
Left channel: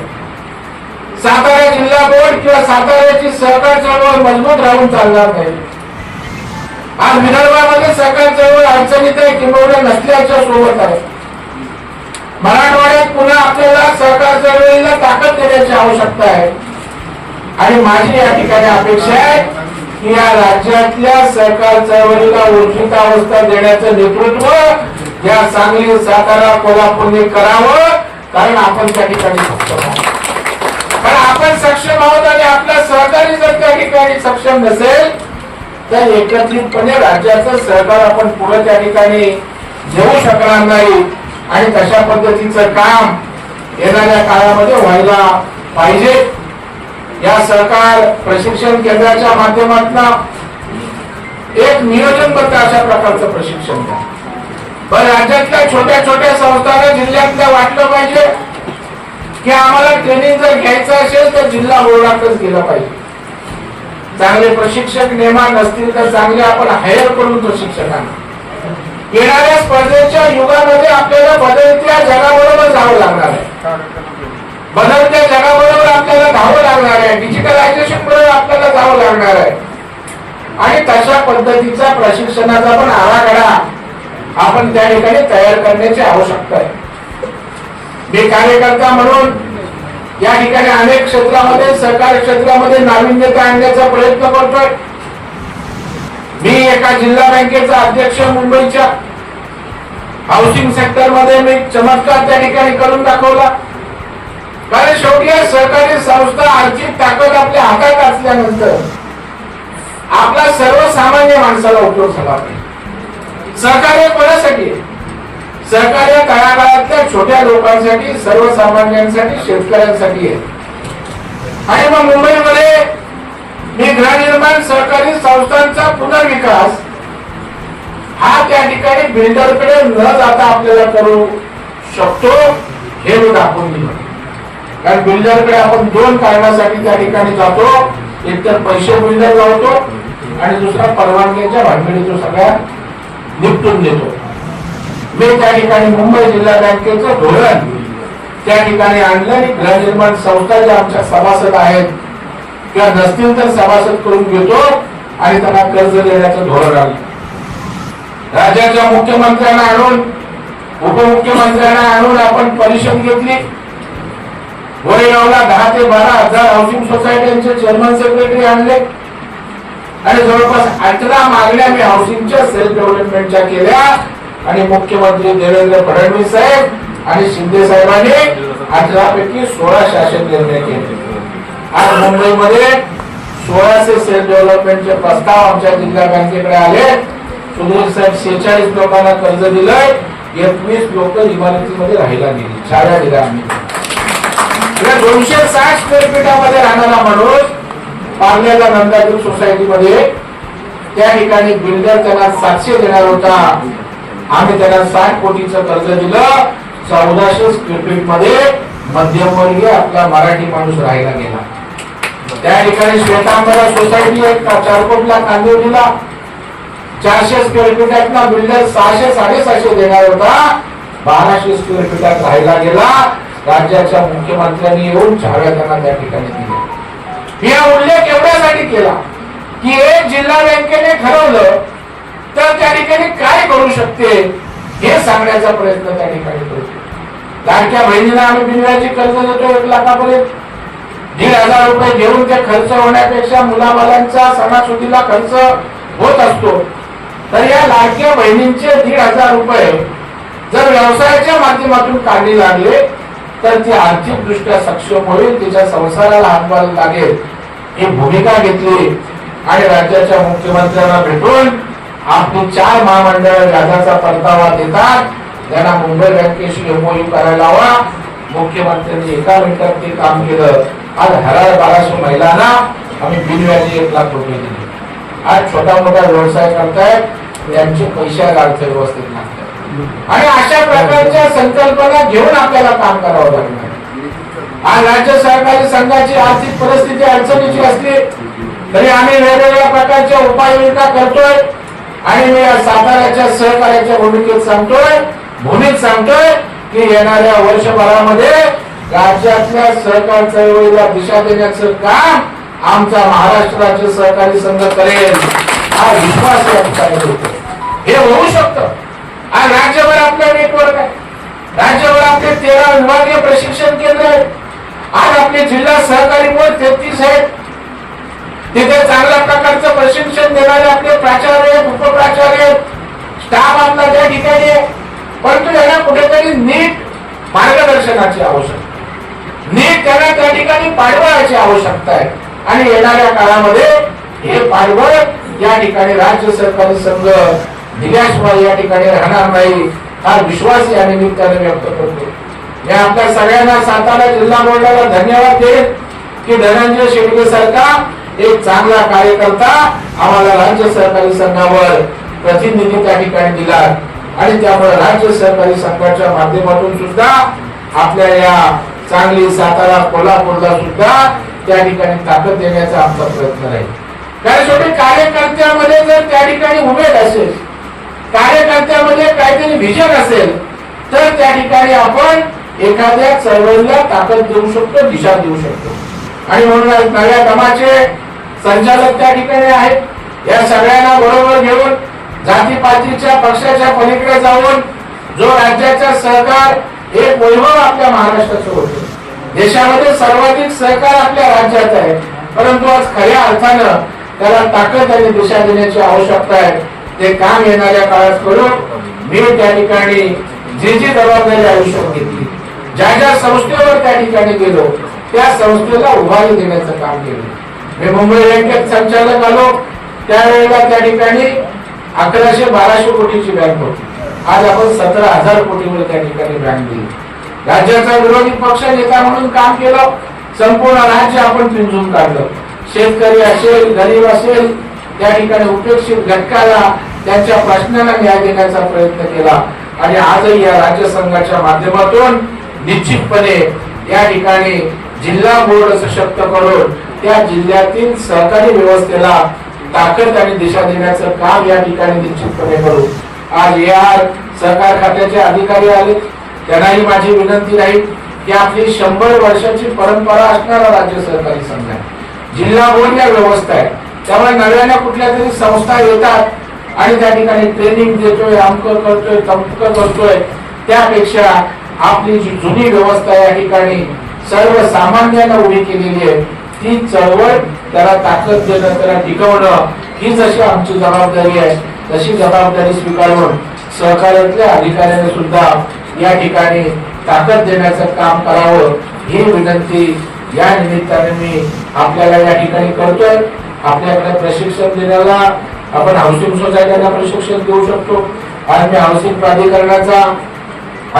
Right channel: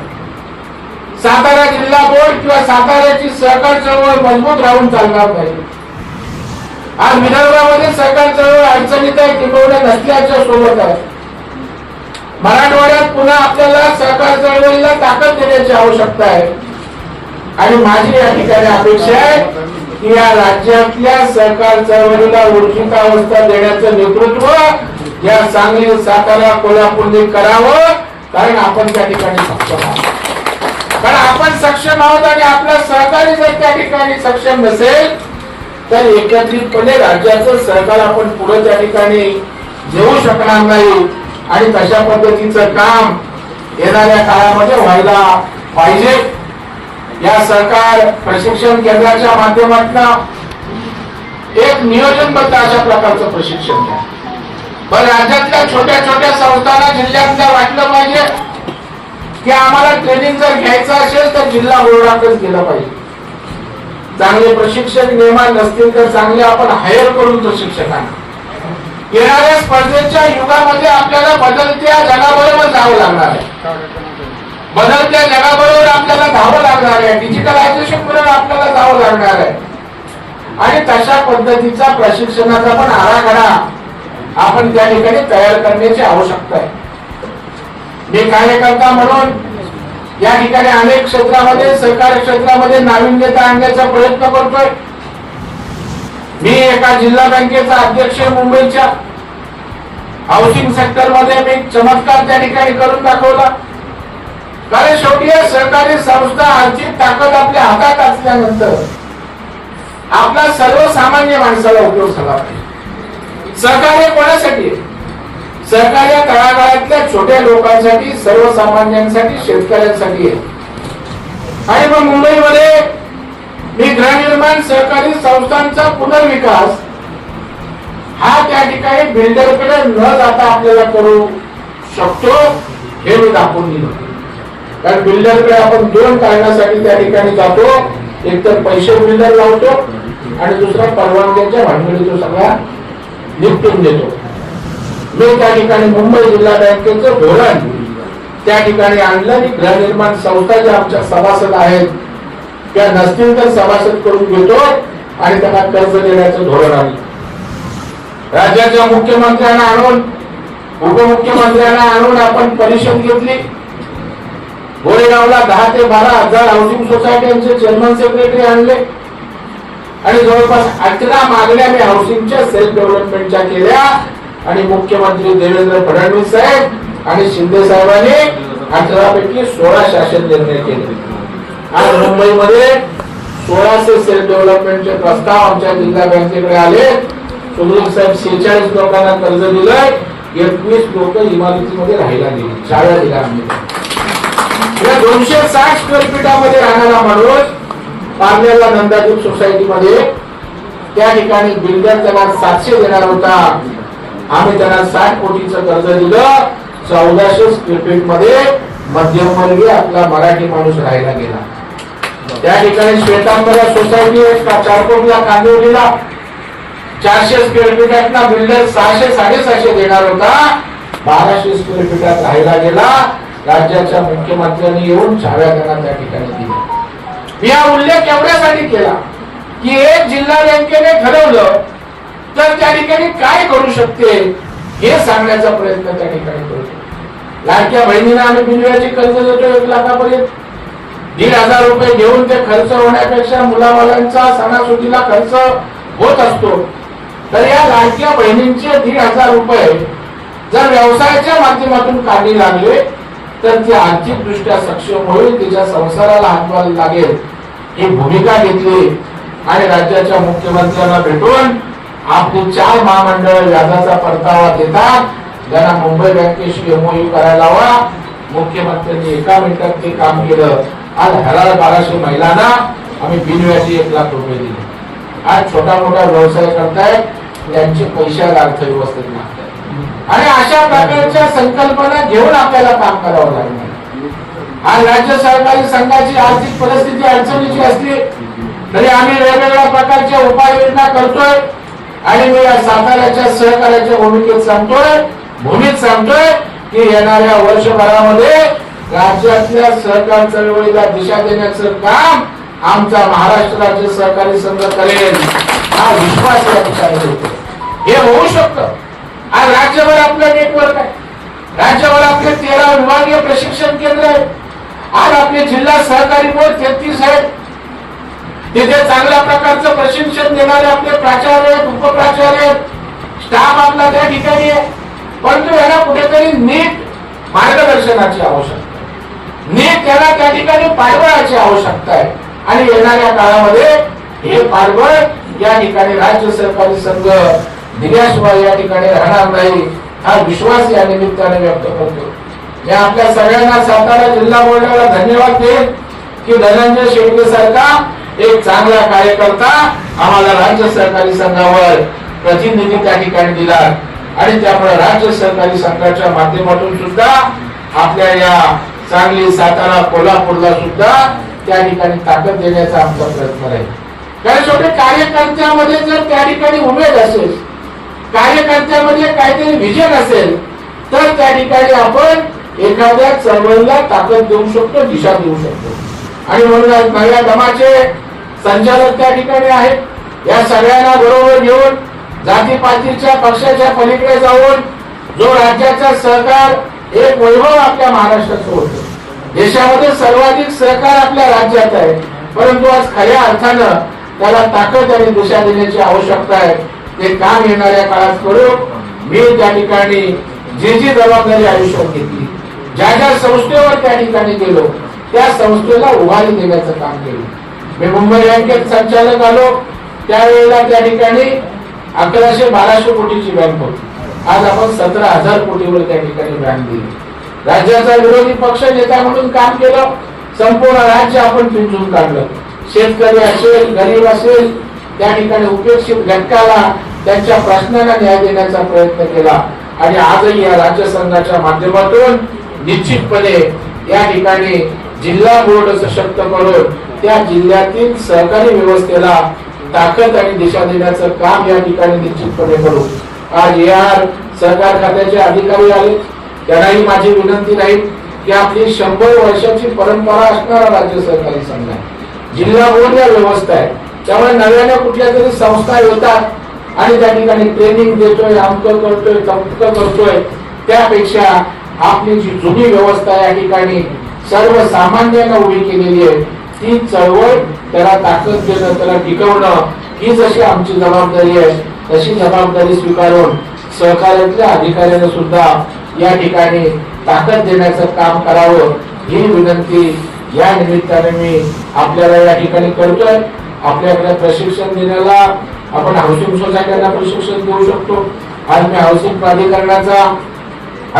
सातारा जिल्हा बोर्ड किंवा साताऱ्याची सहकार चळवळ मजबूत राहून चालणार नाही. आज विदर्भामध्ये सहकार चळवळ अडचणीत आहे, किंबहुना नसल्याच्या सोबत आहे. मराठवाड्यात पुन्हा आपल्याला सहकार चळवळीला ताकद देण्याची आवश्यकता आहे. आणि माझी या ठिकाणी अपेक्षा आहे की या राज्यातल्या सहकार चळवळीला ऊर्जितावस्था देण्याचं नेतृत्व या सांगली, सातारा, कोल्हापूरने करावं. कारण आपण त्या ठिकाणी सक्षम आहोत. कारण आपण सक्षम आहोत आणि आपला सहकारी जर त्या ठिकाणी सक्षम नसेल तर एकत्रितपणे राज्याचं सरकार आपण पुढे त्या ठिकाणी घेऊ शकणार नाही. आणि तशा पद्धतीचं काम येणाऱ्या काळामध्ये व्हायला पाहिजे. या सहकार प्रशिक्षण केंद्राच्या माध्यमातून एक नियोजनबद्ध अशा प्रकारचं प्रशिक्षण द्या. पण राज्यातल्या छोट्या छोट्या संस्थांना जिल्ह्यातल्या वाटलं पाहिजे की आम्हाला ट्रेनिंग जर घ्यायचं असेल तर जिल्हा बोर्डाकडेच गेलं पाहिजे. चांगले प्रशिक्षक निर्माण नसतील तर चांगले आपण हायर करू प्रशिक्षकांना. येणाऱ्या स्पर्धेच्या युगामध्ये आपल्याला बदलत्या जगाबरोबर जावं लागणार आहे. बदलत्या जगाबरोबर आपल्याला धावं लागणार आहे. डिजिटलायझेशन बरोबर आपल्याला जावं लागणार आहे. आणि तशा पद्धतीचा प्रशिक्षणाचा पण आराखडा आपण त्या ठिकाणी तयार करण्याची आवश्यकता आहे. मी कार्यकर्ता म्हणून या ठिकाणी अनेक क्षेत्रामध्ये, सहकारी क्षेत्रामध्ये नाविन्यता आणण्याचा प्रयत्न करतोय. मी एका जिल्हा बँकेचा अध्यक्ष मुंबईच्या हाऊसिंग सेक्टर मध्ये मी चमत्कार त्या ठिकाणी करून दाखवला. कारण शेवटी सहकारी संस्था आर्थिक ताकद आपल्या हातात असल्यानंतर आपला सर्वसामान्य माणसाला उपयोग झाला पाहिजे. सहकार्य कोणासाठी? सहकार्य तळागाळातल्या छोट्या लोकांसाठी, सर्वसामान्यांसाठी, शेतकऱ्यांसाठी आहे. आणि मग मुंबईमध्ये मी गृहनिर्माण सहकारी संस्थांचा पुनर्विकास हा त्या ठिकाणी बिल्डरकडे न जाता आपल्याला करू शकतो हे मी दाखवून दिलं. कारण बिल्डरकडे आपण दोन कारणासाठी त्या ठिकाणी जातो. एक तर पैसे बिल्डर लावतो आणि दुसरा परवानग्यांच्या भानगडीतो सगळ्या निपटून देतो. मी त्या ठिकाणी मुंबई जिल्हा बँकेचं धोरण त्या ठिकाणी आणलं आणि गृहनिर्माण संस्था ज्या आमच्या सभासद आहेत किंवा नसतील तर सभासद करून घेतो आणि त्यांना कर्ज देण्याचं धोरण आणलं. राज्याच्या मुख्यमंत्र्यांना आणून, उपमुख्यमंत्र्यांना आणून आपण परिषद घेतली. गोरेगावला 10 ते 12 हजार हाऊसिंग सोसायटीचे चेअरमन सेक्रेटरी आणले आणि जवळपास 18 मागण्या मी हाऊसिंगच्या सेल्फ डेव्हलपमेंटच्या केल्या आणि मुख्यमंत्री देवेंद्र फडणवीस साहेब आणि शिंदे साहेबांनी 18 पैकी 16 शासन निर्णय केले. आज मुंबईमध्ये 1600 सेल्फ डेव्हलपमेंटचे प्रस्ताव आमच्या जिल्हा बँकेकडे आले. सुनील साहेब 46 लोकांना कर्ज दिलंय. 21 लोक इमारतीमध्ये राहायला गेली. शाळा दिल्या आम्ही. 260 स्क्वेअर फीटामध्ये राहणारा माणूस पार्ल्याला नंदादूत सोसायटीमध्ये त्या ठिकाणी बिल्डर त्यांना 700 देणार होता. आम्ही त्यांना 60 कोटीचं कर्ज दिलं. 1400 स्क्वेअर फीट मध्ये मध्यमवर्गीय आपला मराठी माणूस राहायला गेला. त्या ठिकाणी श्वेतांबरा सोसायटी आहे चारकोटला, कांदिवलीला 400 स्क्वेअर फीटातला बिल्डर 600 साडेसहाशे देणार होता. 1200 स्क्वेअर फीटात राहायला गेला. राज्याच्या मुख्यमंत्र्यांनी येऊन चाव्या त्यांना त्या ठिकाणी दिल्या. मी हा उल्लेख एवढ्यासाठी केला की एक जिल्हा बँकेने ठरवलं तर त्या ठिकाणी काय करू शकते हे सांगण्याचा प्रयत्न त्या ठिकाणी करतो. लाडक्या बहिणीला आम्ही बिनव्याजी कर्ज देतो 1 लाखापर्यंत. 1,500 रुपये घेऊन ते खर्च होण्यापेक्षा मुलाबालांचा सणासुदीला खर्च होत असतो. तर या लाडक्या बहिणींचे 1,500 रुपये जर व्यवसायाच्या माध्यमातून काढले लागले तर ती आर्थिकदृष्ट्या सक्षम होईल, तिच्या संसाराला हातभार लागेल ही भूमिका घेतली आणि राज्याच्या मुख्यमंत्र्यांना भेटून आपली 4 महामंडळ व्याजाचा परतावा देतात. त्यांना मुंबई बँकेशी एमओयू करायला हवा. मुख्यमंत्र्यांनी 1 मिनिटात ते काम केलं. आज 1200 महिलांना आम्ही बिनव्याजी 1 लाख रुपये दिले. आज छोटा मोठा व्यवसाय करतायत, त्यांचे पैशाला अर्थव्यवस्थेत लागतात आणि अशा प्रकारच्या संकल्पना घेऊन आपल्याला काम करावं लागणार. आज राज्य सहकारी संघाची आर्थिक परिस्थिती अडचणीची असली तरी आम्ही वेगवेगळ्या प्रकारच्या उपाययोजना करतोय आणि मी साताऱ्याच्या सहकार्याच्या भूमीत सांगतोय की येणाऱ्या वर्षभरामध्ये राज्यातल्या सहकार चळवळीला दिशा देण्याचं काम आमचा महाराष्ट्र राज्य सहकारी संघ करेल हा विश्वास या ठिकाणी हे होऊ शकतं. आज राज्यभर आपलं नेटवर्क आहे. राज्यभर आपले 13 विभागीय प्रशिक्षण केंद्र आहेत. आज आपले जिल्हा सहकारी बोर्ड 33 आहेत. तिथे चांगल्या प्रकारचं प्रशिक्षण देणारे आपले प्राचार्य आहेत, उपप्राचार्य आहेत, स्टाफ आपला त्या ठिकाणी आहे. परंतु यांना कुठेतरी नीट मार्गदर्शनाची आवश्यकता आहे. नीट त्यांना त्या ठिकाणी पाठबळाची आवश्यकता आहे आणि येणाऱ्या काळामध्ये हे पाठबळ या ठिकाणी राज्य सहकारी संघ दिल्याशिवाय या ठिकाणी राहणार नाही हा विश्वास या निमित्ताने व्यक्त करतो. मी आपल्या सगळ्यांना सातारा जिल्हा बोर्डाला धन्यवाद देईन की धनंजय शेळके सारखा एक चांगला कार्यकर्ता आम्हाला राज्य सहकारी संघावर प्रतिनिधी त्या ठिकाणी दिला आणि त्यामुळे राज्य सहकारी संघाच्या माध्यमातून सुद्धा आपल्या या सांगली, सातारा, कोल्हापूरला सुद्धा त्या ठिकाणी ताकद देण्याचा आमचा प्रयत्न राहील. कारण शेवटी कार्यकर्त्यामध्ये जर त्या ठिकाणी उमेद असेल, कार्यकर्त्यामध्ये काहीतरी विजन असेल तर त्या ठिकाणी आपण एखाद्या चळवळीला ताकद देऊ शकतो, दिशा देऊ शकतो. आणि म्हणून नव्या दमाचे संचालक त्या ठिकाणी आहेत. या सगळ्यांना बरोबर घेऊन जातीपातीच्या पक्षाच्या पलीकडे जाऊन जो राज्याचा सहकार एक वैभव आपल्या महाराष्ट्राचं होतं. देशामध्ये सर्वाधिक सहकार आपल्या राज्यात आहे, परंतु आज खऱ्या अर्थानं त्याला ताकद आणि दिशा देण्याची आवश्यकता आहे. ते काम येणाऱ्या काळात करू. मी त्या ठिकाणी जी जबाबदारी आयुष्यात घेतली, ज्या संस्थेवर त्या ठिकाणी गेलो त्या संस्थेला उभारी देण्याचं काम केलं. मी मुंबई बँकेत संचालक आलो त्यावेळेला त्या ठिकाणी 1100-1200 कोटीची बँक होती. आज आपण 17,000 कोटीवर त्या ठिकाणी ग्रांट दिली. राज्याचा विरोधी पक्ष नेता म्हणून काम केलं. संपूर्ण राज्य आपण पिंजून काढलं. शेतकरी असेल, गरीब असेल, त्या ठिकाणी उपेक्षित घटकाला त्यांच्या प्रश्नाला न्याय देण्याचा प्रयत्न केला. आणि आजही या राज्य संघाच्या माध्यमातून निश्चितपणे या ठिकाणी जिल्हा बोर्ड सशक्त करून त्या जिल्ह्यातील सहकारी व्यवस्थेला ताकद आणि दिशा देण्याचं काम या ठिकाणी निश्चितपणे करू. आज यार सहकार खात्याचे अधिकारी आले. त्यांनाही माझी विनंती राहील की आपली 100 वर्षाची परंपरा असणारा राज्य सहकारी संघ आहे. जिल्हा बोर्ड या व्यवस्था आहे. त्यामुळे नव्याने कुठल्या तरी संस्था येतात आणि त्या ठिकाणी ट्रेनिंग देतोय, अमकं करतोय, तमकं करतोय. त्यापेक्षा आपली जी जुनी व्यवस्था या ठिकाणी सर्वसामान्यांना उभी केलेली आहे, ती चळवळ त्याला ताकद देणं, त्याला टिकवणं ही जशी आमची जबाबदारी आहे, तशी जबाबदारी स्वीकारून सहकार्यातल्या अधिकाऱ्यांना सुद्धा या ठिकाणी ताकद देण्याचं काम करावं ही विनंती या निमित्ताने मी आपल्याला या ठिकाणी करतोय. आपल्याकडे प्रशिक्षण देण्याला आपण हाऊसिंग सोसायटीला प्रशिक्षण देऊ शकतो. आज मी हाऊसिंग प्राधिकरणाचा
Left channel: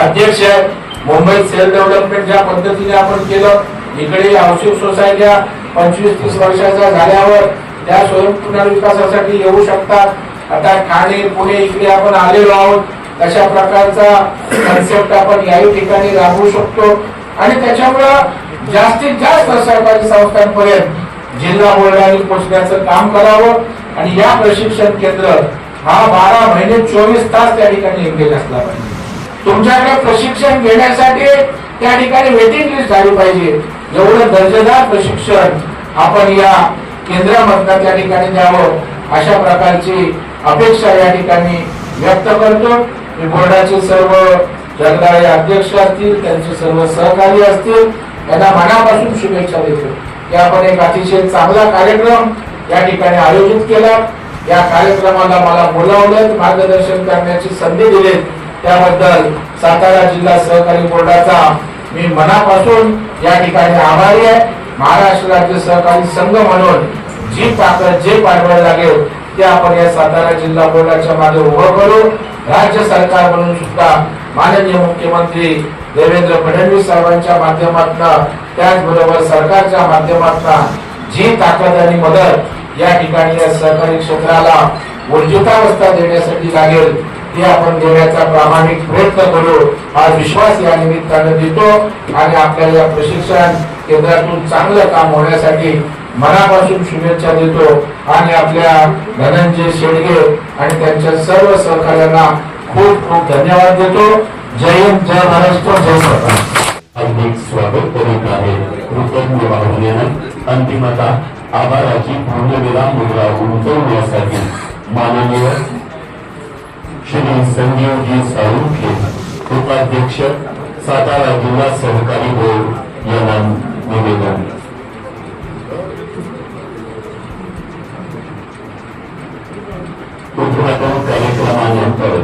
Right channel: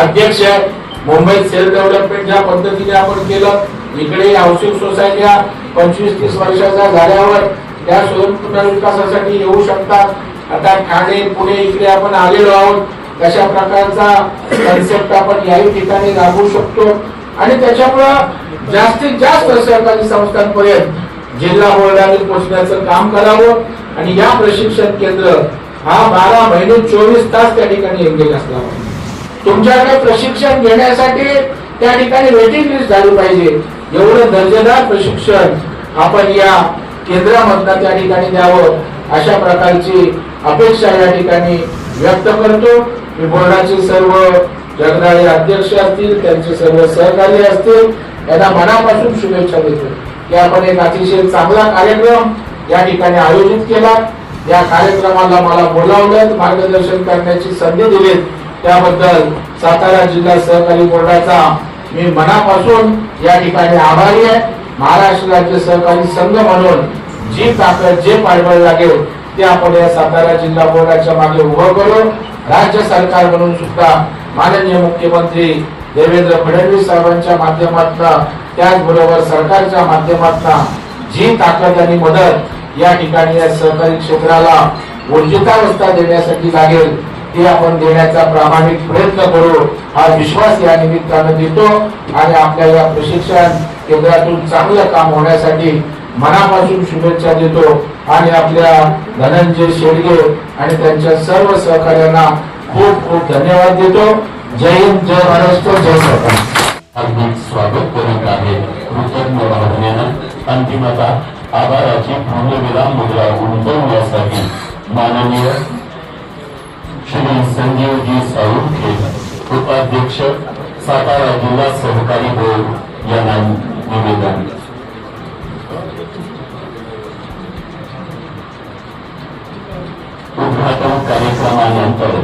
अध्यक्ष आहे. मुंबईत सेल्फ डेव्हलपमेंट ज्या पद्धतीने आपण केलं, इकडे हाऊसिंग सोसायट्या 25-30 वर्षाच्या झाल्यावर त्या स्वयं पुनर्विकासासाठी येऊ शकतात. आता ठाणे, पुणे इकडे आपण आलेलो आहोत. तशा प्रकारचा कन्सेप्ट आपण याही ठिकाणी राबवू शकतो आणि त्याच्यामुळे जास्तीत जास्त सरकारी संस्थांपर्यंत जिल्हा बोर्डाने पोहोचण्याचं काम करावं. आणि या प्रशिक्षण केंद्र हा 12 महिने 24 तास त्या ठिकाणी एंगेज असला पाहिजे. तुमच्याकडे प्रशिक्षण घेण्यासाठी त्या ठिकाणी वेटिंग लिस्ट झाली पाहिजे. एवढं दर्जेदार प्रशिक्षण आपण या केंद्रामधनं त्या ठिकाणी द्यावं, अशा प्रकारची अपेक्षा या ठिकाणी व्यक्त करतो. मी बोर्डाचे सर्व जगदाळे अध्यक्ष असतील, त्यांचे सर्व सहकारी असतील, त्यांना मनापासून शुभेच्छा देतो की आपण एक अतिशय चांगला कार्यक्रम या ठिकाणी आयोजित केला. या कार्यक्रमाला मला बोलावलं, मार्गदर्शन करण्याची संधी दिली, त्याबद्दल सातारा जिल्हा सहकारी बोर्डाचा मी मनापासून या ठिकाणी आभारी आहे. महाराष्ट्र राज्य सहकारी संघ म्हणून जी ताकद, जे पाठबळ लागेल ते आपण या सातारा जिल्हा बोर्डाच्या मागे उभं करू. राज्य सरकार म्हणून सुद्धा माननीय मुख्यमंत्री देवेंद्र फडणवीस साहेबांच्या माध्यमातून, त्याचबरोबर सरकारच्या माध्यमातून जी ताकद आणि मदत या ठिकाणी या सहकारी क्षेत्राला ऊर्जितावस्था देण्यासाठी लागेल ते आपण देण्याचा प्रामाणिक प्रयत्न करू, हा विश्वास या निमित्तानं देतो. आणि आपल्या या प्रशिक्षण केंद्रातून चांगलं काम होण्यासाठी मनापासून शुभेच्छा देतो. आणि आपल्या धनंजय शेडगे आणि त्यांच्या सर्व सहकार्यांना खूप खूप धन्यवाद देतो. जय हिंद, जय महाराष्ट्र, जय सरकार. हार्दिक स्वागत करीत आहे. कृतज्ञ भावनेनं अंतिमता आभाराची पूर्णविराम मुद्रा उमटवण्यासाठी माननीय श्री संजीवजी साळुंखे, उपाध्यक्ष सातारा जिल्हा सहकारी बोर्ड यांना निवेदन. उद्घाटन कार्यक्रमानंतर